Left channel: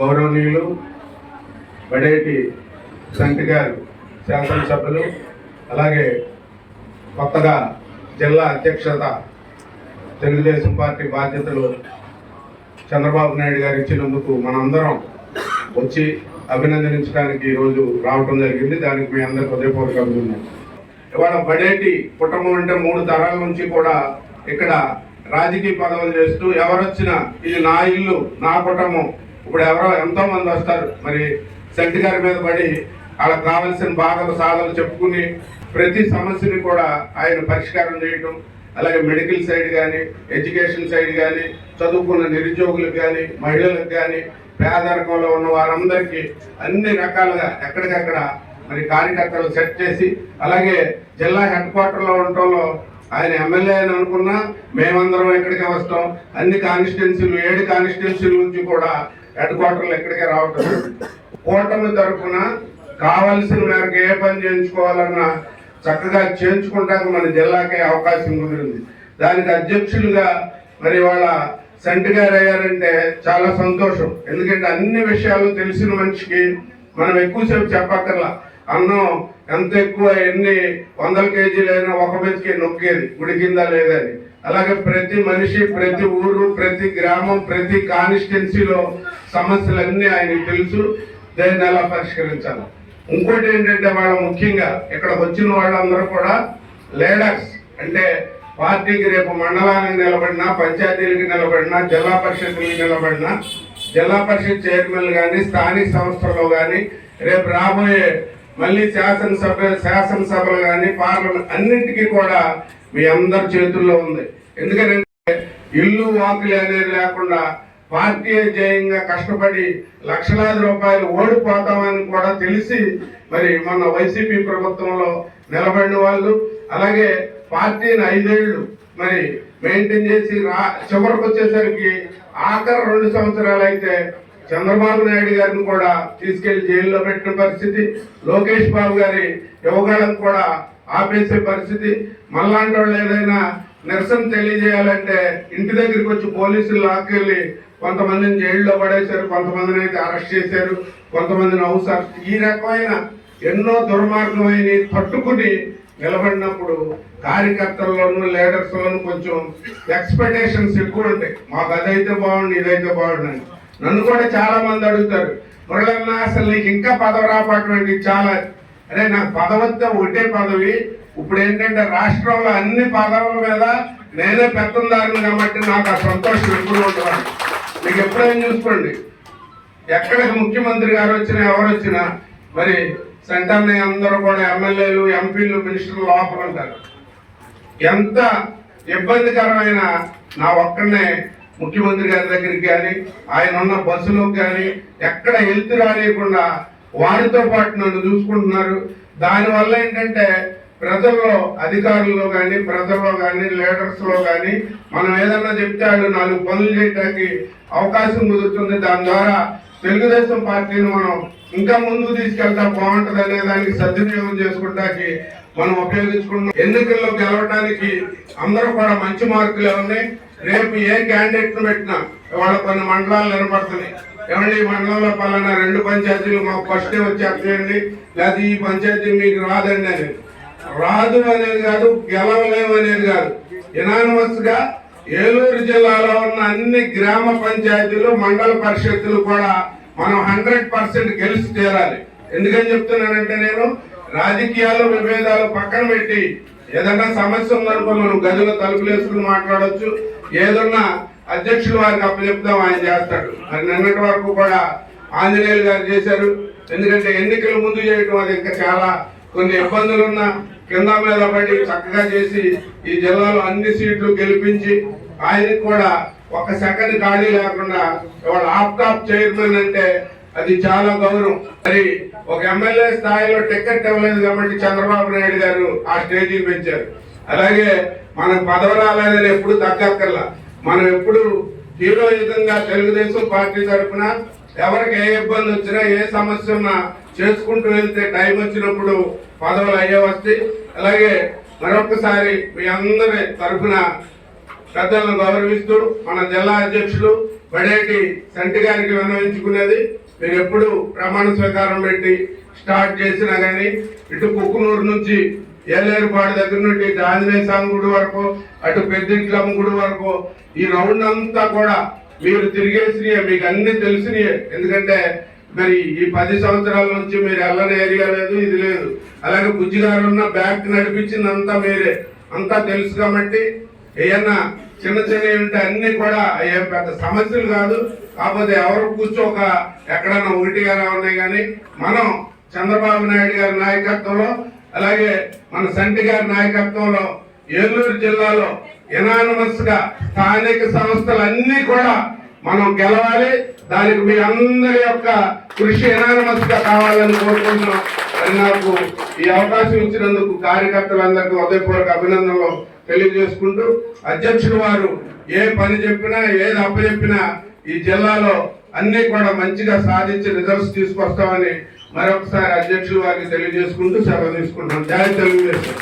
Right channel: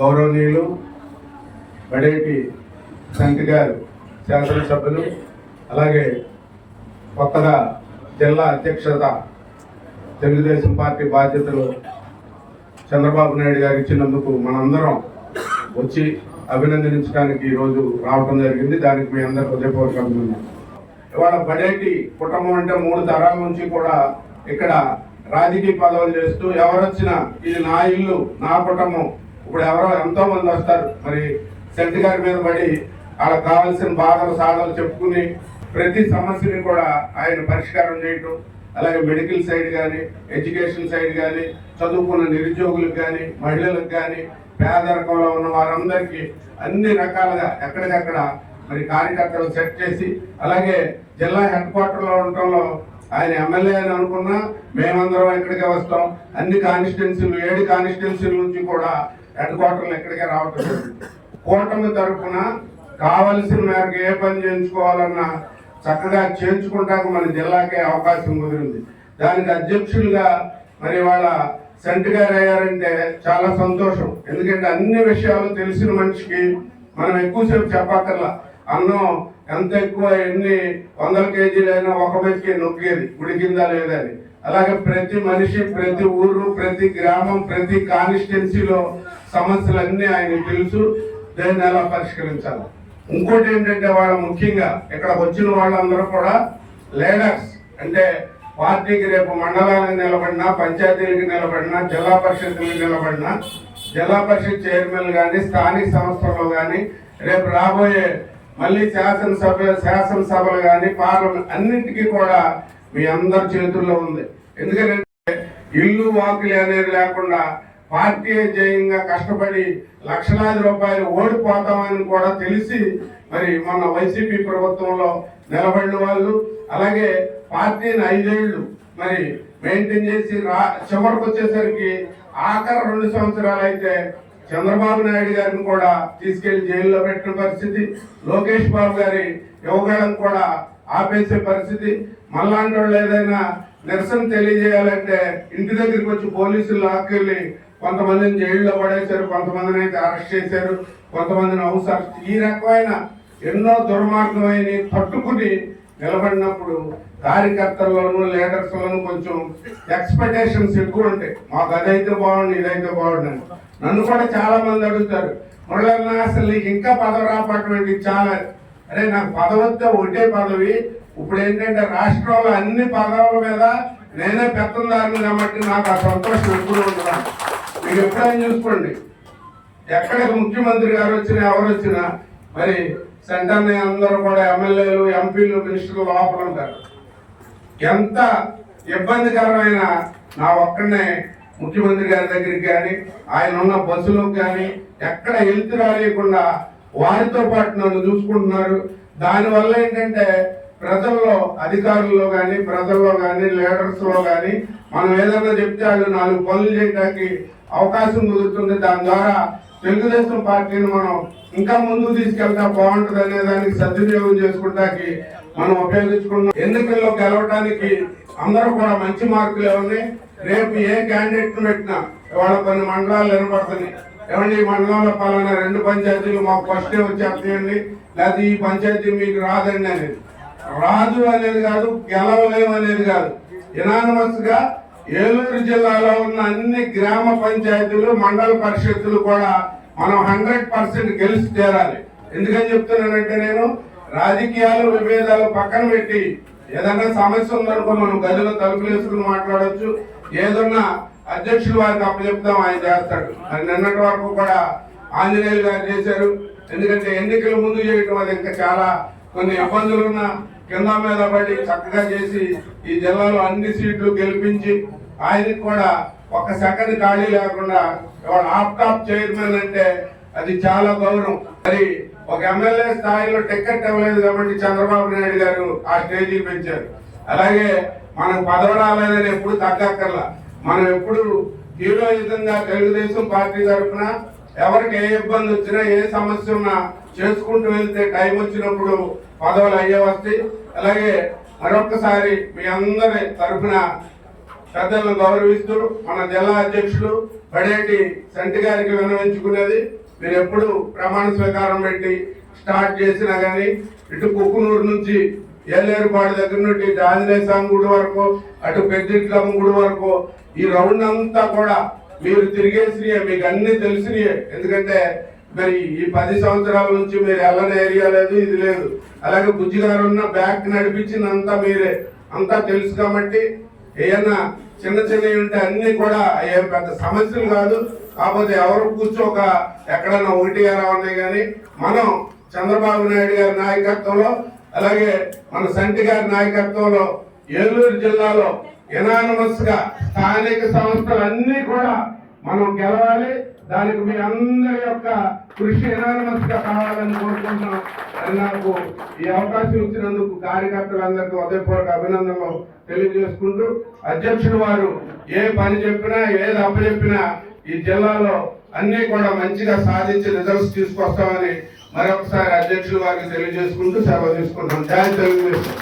గౌరవనీయులు బడేటి సంటి గారు శాసనసభ్యులు అలాగే కొత్తగా జిల్లా అధ్యక్షత తెలుగుదేశం పార్టీ బాధ్యతలు చంద్రబాబు నాయుడు గారు ఇచ్చినందుకు మనందరం వచ్చి అభినందించడానికి ఈరోజు రావటం జరిగింది. దానికి మీ అందరి హృదయపూర్వక అభినందన ఇవాళ బడేటి కుటుంబం అంటే మూడు తరాల నుంచి కూడా ఇక్కడ రాజకీయ పదవులు చేస్తూ ఎవరొచ్చినా ఇది నా ఇల్లు నా కుటుంబం ఇప్పుడు ఎవరో ఎంతో మంది వస్తారు. మరి శెట్టి గారి మీద పడి వాళ్ళకి కావాల్సిన బాధలు సాధలు చెప్పుకుని ప్రతి సమస్యని కూడా ఆయన పరిష్కారం చేయటం అలాగే మెడికల్ సైడ్ కానీ ఎడ్యుకేషన్ సైడ్ కానీ చదువుకున్న నిరుద్యోగులకు కానీ మహిళలకు కానీ పేదరికంలో ఉన్న వారందరికీ అన్ని రకాలుగా ఎక్కడికక్కడ మరి కార్యకర్తలు సెట్ చేసి అలాగే జిల్లా హెడ్ క్వార్టర్లో ఉండటంలో ఆయన ఎమ్మెల్యే అని అనుకున్నా మేమందరం ఇక్కడికే వస్తాం. అన్ని కాన్స్టిట్యున్సీలు ఏడు కాన్స్టిట్యున్సీల నుంచి కూడా హెడ్ క్వార్టర్లు ఇక్కడికే రావటం కూటమి తరఫున కావలసిన మేరకు ఏ పని చేయించుకోవాలన్నా చక్కగా చేయించుకుంటానికి మన జిల్లాకే అవకాశం కుదిరింది. దానికి అధ్యక్షులుగా మరి వాళ్ళ సెంట్ గారు అయ్యారంటే చాలా సంతోషం. ఎందుకంటే అన్ని విషయాలు తెలిసిన మనిషికి మనం ఎక్కువసేపు చెప్పక్కర్లా. అన్నం ఎంత ఎక్కువ ఎన్ని వందల కేజీలైనా ఒక మెతికి నొక్కేది. ఉడికిందా లేదా అని అలాగే ప్రతి మనిషి ప్రతి ఊరు ప్రతి గ్రామం ప్రతి కాన్స్టిట్యున్సీలో సమస్యలన్నీ ఆయనకు తెలుసు. దాన్ని ఎలా పరిష్కరించాలి. ఇంకోటి ఏంటంటే వాళ్ళ ముఖ్యంగా ఇక్కడ వచ్చిన వాళ్ళందరూ కూడా లీడర్స్ అంటే పార్టీకి రేపు మండలానికి నిలబడినా పంచాయతీలకు నిలబడినా జిల్లా పరిషత్కి నిలబడినా జిల్లా పరిషత్ చైర్మన్ కానీ స్థానిక సంస్థల్లో కానీ రేపు రాబోయే మళ్ళీ శాసనసభ శాసనసభలు కానీ పార్లమెంట్ అన్నింటికీ కూడా మీ అందరి చేతుల్లో ఉంది. ఎందుకంటే ఇల్లు వాకిలి అనేది లేకుండా పార్టీ జయంగా కష్టపడి లక్షలాది రూపాయలు ఓడిపోతామని కూడా తెలిసి మరి మన వైసీపీ ప్రభుత్వంలో నిలబడిన వాళ్ళు అలాగే పార్టీని ఐదేళ్ళు మరి మెయింటైన్ చేసి రా చివరికి వచ్చేసరికి ఆఖరి రెండు సంవత్సరాలు అయితే చంద్రబాబు నాయుడు గారిని కూడా తీసుకెళ్ళి జైల్లో పెట్టిన పరిస్థితి లోకేష్ బాబు గారి యువగాళ్ళను కూడా ఆపేసే పరిస్థితి. మళ్ళాంటి వాళ్ళు ఏదైనా నిరసన తెలియజేయాలంటే ఇంటి దగ్గరికి వచ్చి పోలీసులు లాక్కెళ్ళి కొంతమందిని జైల్లో పడేశారు కొంతమందిని అయితే అరెస్ట్ చేశారు కొంతమందిని హౌస్ అరెస్ట్ ఈ రకమైన ఎన్నో దుర్మార్గమైన తట్టుకుని నిలబడినప్పుడు కార్యకర్తల్లోనూ లీడర్స్లోనూ కొంచెం ఎక్స్పెక్టేషన్స్ ఎక్కువ ఉంటాయి. మాకు అదైతే బాగుండి ఇదైతే బాగుండి అని. నన్ను కూడా చాలా మంది అడుగుతారు మురళన్న అసలు నీకు ఇంకా పదవి రాపటువంటి చాలా. అరే నాకు పదవద్ద ఒకటే పదవి. ఇప్పుడు ఏంటంటే రాష్ట్రంలో అన్ని పదవుల మీద నేనే పెత్తందారుని కాబట్టి నాకు ఆ సంతోషం ఎప్పుడు ఉంటుంది. మీకు ఎప్పుడైనా చూసుకోండి ఎక్కడికి ముఖ్యమంత్రి గారు వచ్చినా ఎవరు వచ్చినా మరి సెంటర్ని అందరూ కూడా ఎమ్మెల్యేలు ఎంపీలు మినిస్టర్లు లోపల ఉంటారు. ఎంత ఇబ్బందికరమైన నా ఒక్కడనే ముఖ్యమంత్రి గారి దగ్గరికి కానీ ఆయన ఉన్న బస్సులకు కానీ ఎక్కడ వెళ్తూ రానియకుండా వారితో పాటు నన్ను చూసుకుంటున్నారు. దానివల్ల ఏంటంటే ప్రజల్లో అధికారుల్లో కానీ ప్రజల్లో కానీ లీడర్స్లో కానీ మనం ఏదన్నా చెప్తే వాళ్ళు నాలుగు పనులు చేయడానికి అవకాశం కుదురుతుంది. దాని ద్వారా తెలుగుదేశం పార్టీని మనం ఇంకా ముందుకు తీసుకెళ్తా బాగుంటుంది అనే దానికి సద్వినియోగం చేసుకుంటానికి మనం ఉపయోగించుకున్నాం ఎన్నికల్లో గెలవడానికి అందరూ కూడా మంచి మార్కులు ఎవరిని రేపు ఏ క్యాండిడేట్ పెట్టినా వాళ్ళ కొన్ని మండలాలు నిలబడుతున్నాయి ఏమండి ఈ మండలంలో పలానా రెండు పంచాయతీలు మాకు ఫస్ట్ వచ్చేయండి లేదా ఈ పంచాయతీ మీకు రాదండి అని. రాదు అనేది కాదు గెలవలేము అనేది కాదు. ఇనానిమస్గా ఏలూరు జిల్లాలో ఉన్న అన్ని గ్రామ పంచాయతీలు మండల పరిషత్తులు కూడా మనం హండ్రెడ్ పర్సెంట్ గెలిచి చేరాలి. ఎందుకని చెప్తున్నానంటే నేను రాజకీయాలు విభేదాలు పక్కన పెట్టి ఏదన్నా సమస్య ఉందనుకో మనం గదిలో తలుపులు వేసుకుని మాట్లాడవచ్చు ఏదన్నా అధ్యక్షులు వారికి అప్పచెప్తాం ఆయన చేస్తాడు. మరి నిన్నటి వరకు కూడా ఆంజనేయులు గారు చేశారు. ఎందుకంటే ఎన్నికల ముందు చేయడం అది ఇంకా చాలా కొన్ని ఇబ్బందులు ఉన్న కింద మీద పడి చక్కగా చేసి ఈ జిల్లాలో అన్ని సీట్లు గెలిపించి ఆయనకు కూడా ఒక సెకండ్ ఖాళీ లేకుండా ఇవాళ ఆప్టాప్ చైర్మన్ అంటే అది చాలా గౌరవం. మరి ఒక ఎమ్మెల్యే స్థాయిలో టికెట్ ఇవ్వలేదు కాబట్టి చంద్రబాబు నాయుడు గారు ఆ స్టేజీకి పెంచారు. అలాగే మనం పదవి రాలేదని ఎప్పుడు తగ్గక్కర్లా. మనం ఎప్పుడు హీరోయుతంగా తెలుగుదేశం పార్టీ తరఫున ఎవరికి ఏ ఇబ్బంది వచ్చినా ఏ సమస్య ఉన్నా చేసుకుంటూ వెళ్తే టైం వచ్చినప్పుడు పదవులు అయ్యే వస్తాయి అలాగే మరొకసారి మీ అందరి తరఫున పెద్దలను గౌరవిస్తూ మన జిల్లా అధ్యక్షులు బడేటి సంటి గారికి విన్నవించుకునేది మీరు ఎప్పుడు ప్రమాణ స్వీకారం పెట్టి స్టార్ట్ చేసినా కానీ ఇటు కుక్కునూరు నుంచి ఏలేరుపాడు దగ్గర నుండి ఆంజనేయ స్వామి గుడి వరకు అటు పెద్దింట్లమ్మ గుడి వరకు ఈ రౌండ్ అంతా కూడా మీరు తిరిగేసినయే మీకు అన్ని తెలిసినయే. ఎందుకంటే మరి ఈ పది సంవత్సరాల నుంచి మీరు వెళ్ళని ఏరియా లేదు ఇది లేదు. అలాగే బుజ్జిగారు ఉన్న బ్యాంక్ నడిపించిందంతా మీరే. అంతా తెలుసు కాబట్టి ఏమన్నా చిన్న చిన్నవి ఉంటే అన్ని కూడా ఏం పెద్ద సమస్యలు కాదు. కాకపోతే ఎవరు కూర్చోక ఎక్కడన్నా ఒకటిగానే ఉన్నాయి కానీ మనం చంద్రబాబు నాయుడు గారి నాయకత్వంలో అలాగే మన సంటి గారి నాయకత్వంలో ఏలూరు జిల్లాలో ఎనానమస్గా స్థానిక సంస్థలన్నీ కూడా మనం గెలవాలి. దానికి మీ అందరి యొక్క కృషి ఎనానమస్గా కావాలని కోరుకుంటున్నాం. మరి నాకు ఈ అవకాశం ఇచ్చినందుకు కార్యకర్తలందరికీ హృదయపూర్వక అభినందనలు తెలియజేసుకుంటూ అధ్యక్షుడు వారు ఏ పని చెప్పినా ఏది అప్పచెప్పినా ఈ జిల్లాలో అన్ని కూడా మంచిగా సాధించి రిజల్ట్స్ తీసుకొస్తామని మరొకసారి అధ్యక్షుడు వారికి తెలియజేసుకుంటూ సెలవు తీసుకుంటున్నాం. జాయి తెలుగుదేశం.